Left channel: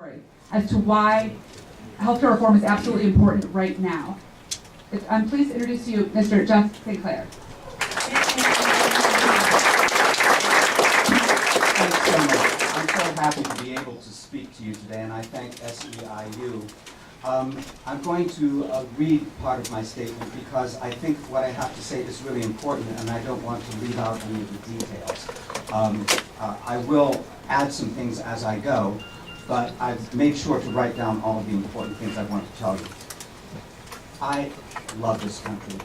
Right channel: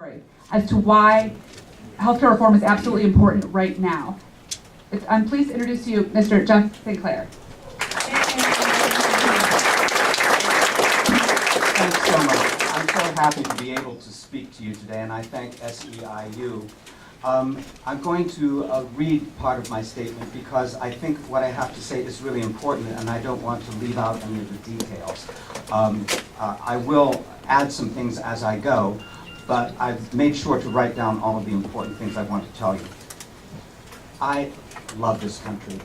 story as to why healthcare reform is absolutely important right now. I'm pleased to introduce to you Mr. Jeff St. Clair. Thanks so much. I'm so happy to be able to speak to you today, and I thank SEIU. I'm going to read part of my statement because I think what I have to say is really important, and I don't want to leave out any of the details. I will add some things as I go, but I've made sure to write down all of the important things I want to tell you. I love this country,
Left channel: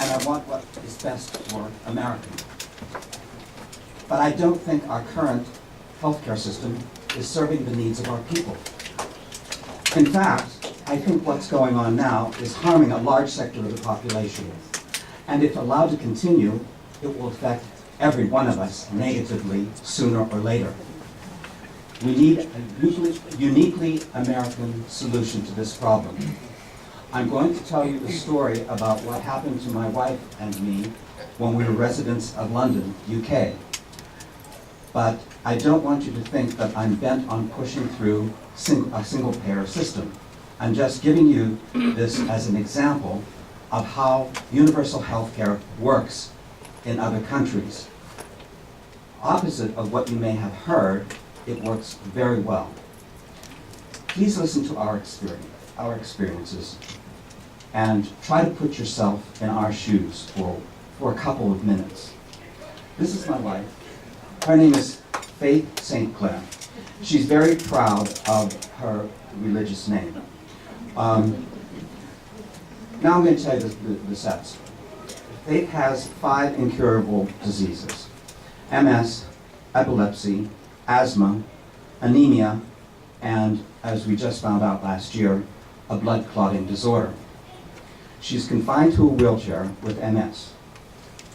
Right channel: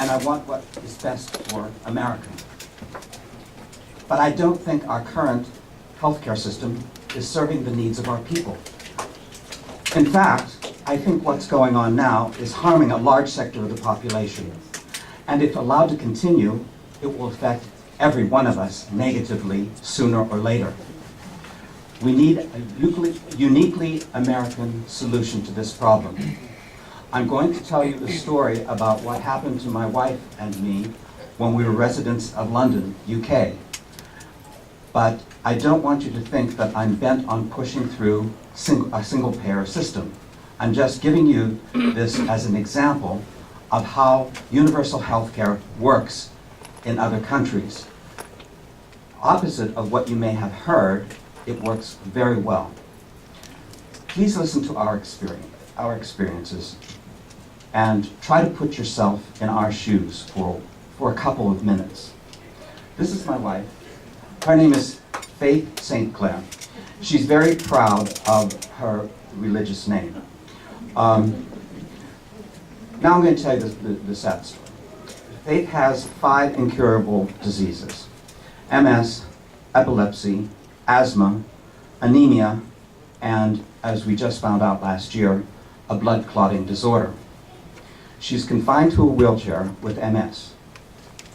and I want what is best for Americans. But I don't think our current healthcare system is serving the needs of our people. In fact, I think what's going on now is harming a large sector of the population. And if allowed to continue, it will affect every one of us negatively sooner or later. We need a uniquely American solution to this problem. I'm going to tell you the story about what happened to my wife and me when we were residents of London, UK. But I don't want you to think that I'm bent on pushing through a single-payer system. I'm just giving you this as an example of how universal health care works in other countries. Opposite of what you may have heard, it works very well. Please listen to our experiences, and try to put yourself in our shoes for a couple of minutes. This is my wife. Her name is Faith St. Clair. She's very proud of her religious name. Now I'm going to tell you the sad story. Faith has 5 incurable diseases: MS, epilepsy, asthma, anemia, and, as we just found out last year, a blood clotting disorder. She's confined to a wheelchair with MS.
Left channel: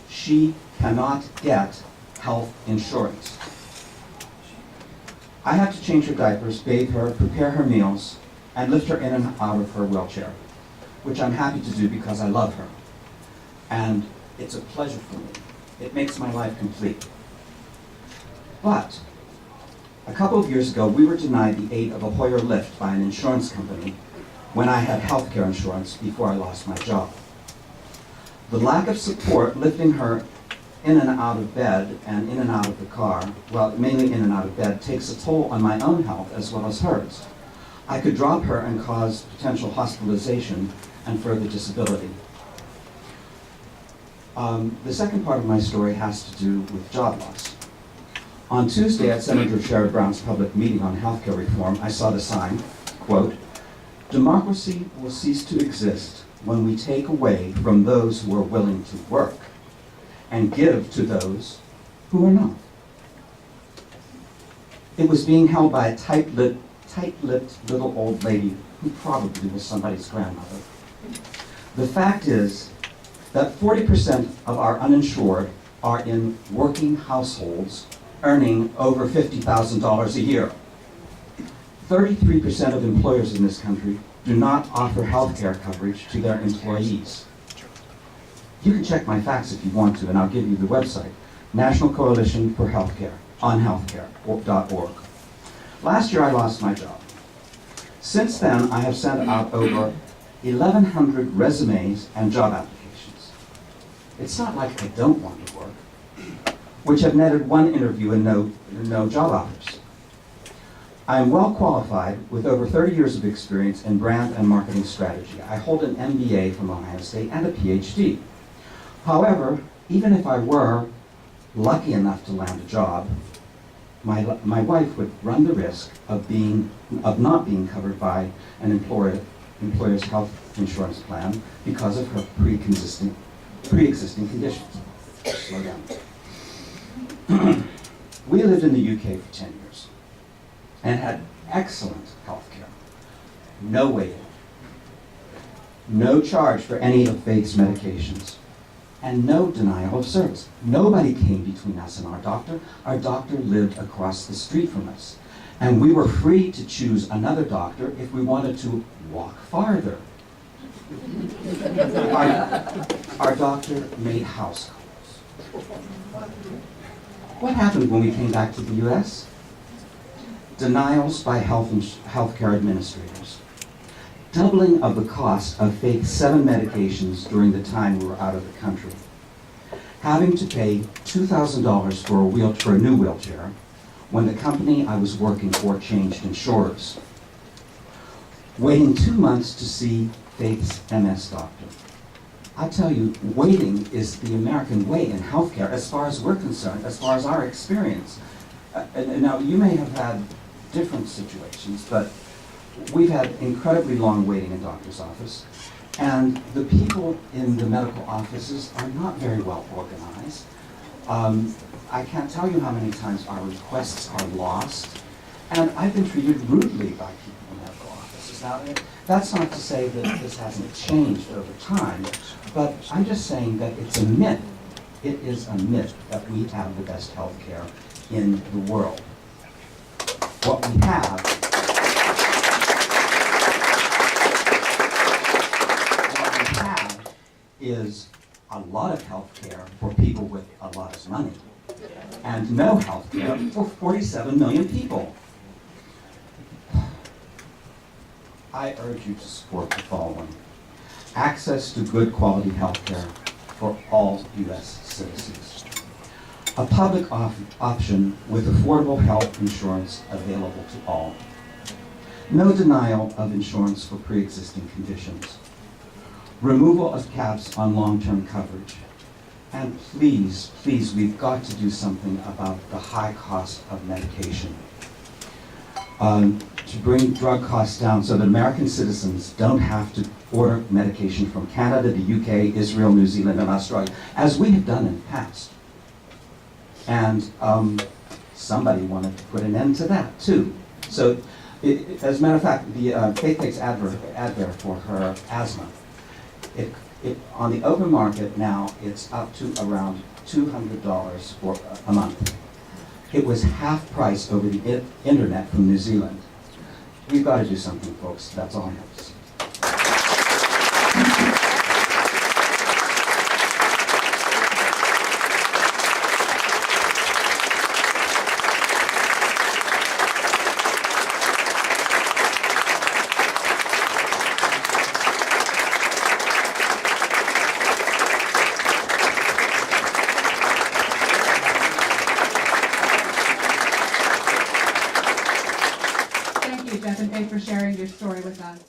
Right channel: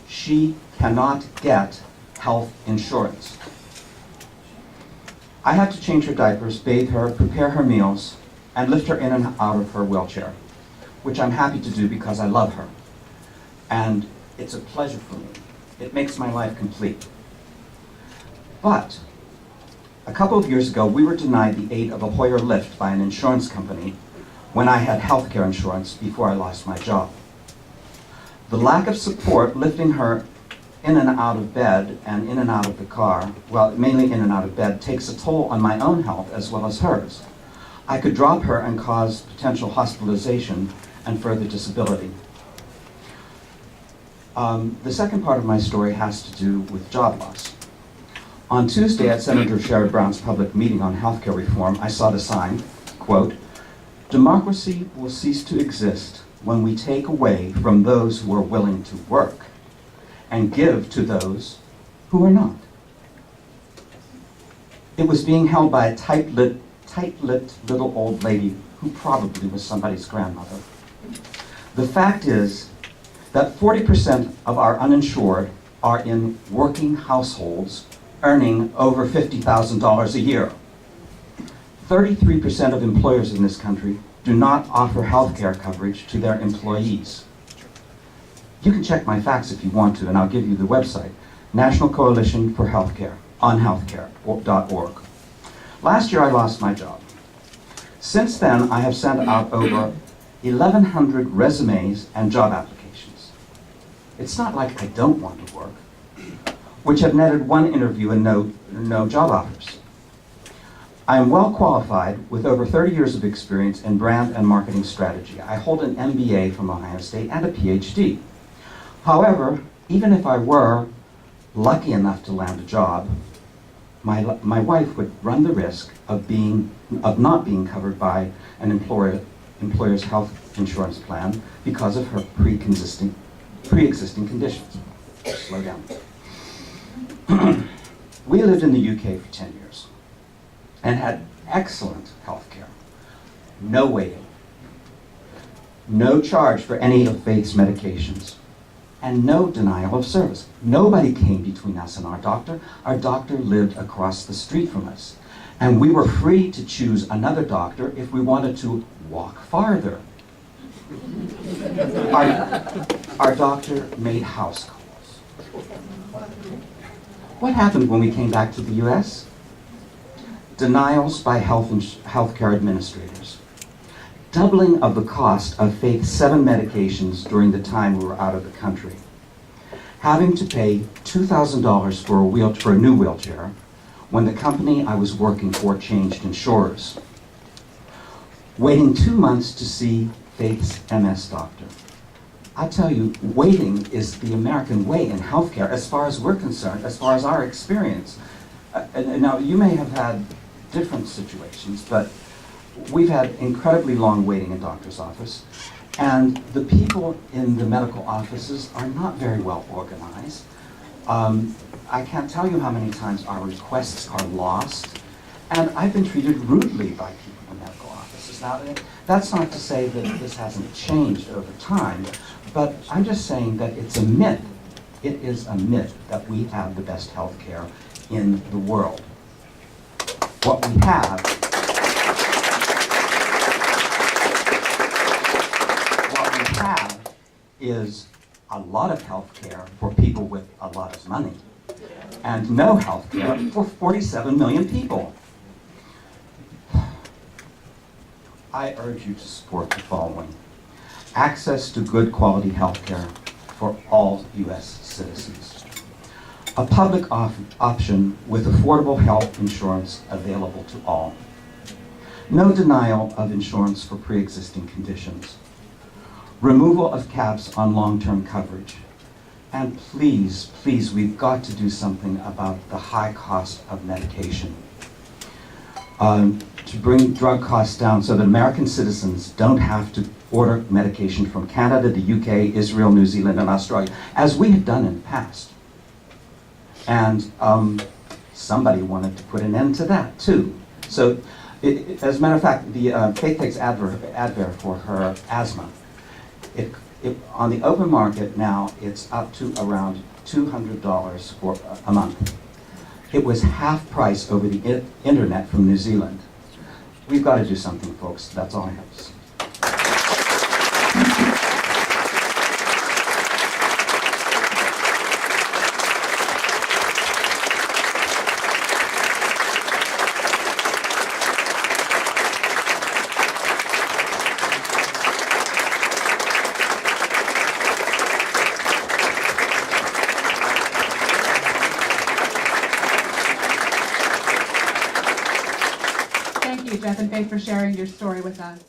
She cannot get health insurance. I had to change her diapers, bathe her, prepare her meals, and lift her in and out of her wheelchair, which I'm happy to do because I love her. And it's a pleasure for me. It makes my life complete. But a couple of years ago, we were denied the aid of a Hoyer lift by an insurance company when I had health care insurance before I lost my job. The lack of support lifting her in and out of bed and in and out of the car, well, mainly in and out of bed, takes a toll on my own health as well as hers. I could drop her and cause potential hospitalization and further disability. The second part of my story has to do with job loss. On Tuesday at Senator Sherrod Brown's public meeting on healthcare reform, I saw the sign, quote, "Democracy will cease to exist when we take away from those who are willing to work and give to those who are not." It was being held by a tight-lipped little old lady who probably was somebody's grandmother. The fact is that 40% of our uninsured are in working households earning over $50,000 a year. 33% of employers in this country do not offer health care coverage to their employees. You can check my facts if you want to, and I'll give you the website, National Coalition for Healthcare, on healthcare.org. Last year I lost my job. Since then, I have sent out over 1,100 resumes and job applications. It's not like I don't want to work, which have netted 1 interview and no job offers. I am well qualified with over 30 years of experience in brand and marketing strategy. I hold an MBA from Ohio State and a PhD. However, even if I were lucky enough to land a job, my wife would run the risk of not being covered by an employer's health insurance plan because of her pre-existing conditions. Slow down. We lived in the UK for 10 years and had excellent health care. No waiting, no charge for any of Faith's medications, and no denial of service. Nobody came between us and our doctor. Our doctor lived across the street from us, and we were free to choose another doctor if we wanted to walk farther. Our doctor made house calls. What happened when we came back to the US? denials by healthcare administrators, doubling of the cost of Faith's 7 medications during the time we were out of the country, having to pay $2,000 for a new wheelchair when the company I was working for changed insurers, waiting 2 months to see Faith's MS doctor. I tell you, waiting is the American way in healthcare as far as we're concerned, as far as our experience. Now, you may have had different situations, but we've had incredibly long waiting in doctor's office, and the people in the medical offices are not very well organized. I can't tell you how many times our requests are lost, and I've been treated rudely by people in medical offices. Now, that's not to say that this hasn't changed over time, but I'm just saying that it's a myth. It is a myth that we have the best health care in the world. What we have is a lot of health care for people with a lot of money, and no health care for 47 million people. I urge you to support the following: access to good quality health care for all U.S. citizens, a public option with affordable health insurance available to all, no denial of insurance for pre-existing conditions, removal of caps on long-term coverage, and please, please, we've got to do something about the high cost of medication. To bring drug costs down so that American citizens don't have to order medication from Canada, the UK, Israel, New Zealand, and Australia, as we have done in the past. And somebody wanted to put an end to that, too. So, as a matter of fact, the Faith takes Advair for her asthma. On the open market now, it's up to around $200 for a month. It was half price over the internet from New Zealand. We've got to do something, folks. That's all I have to say. Thank you, Jeff and Faith, for sharing your story with us.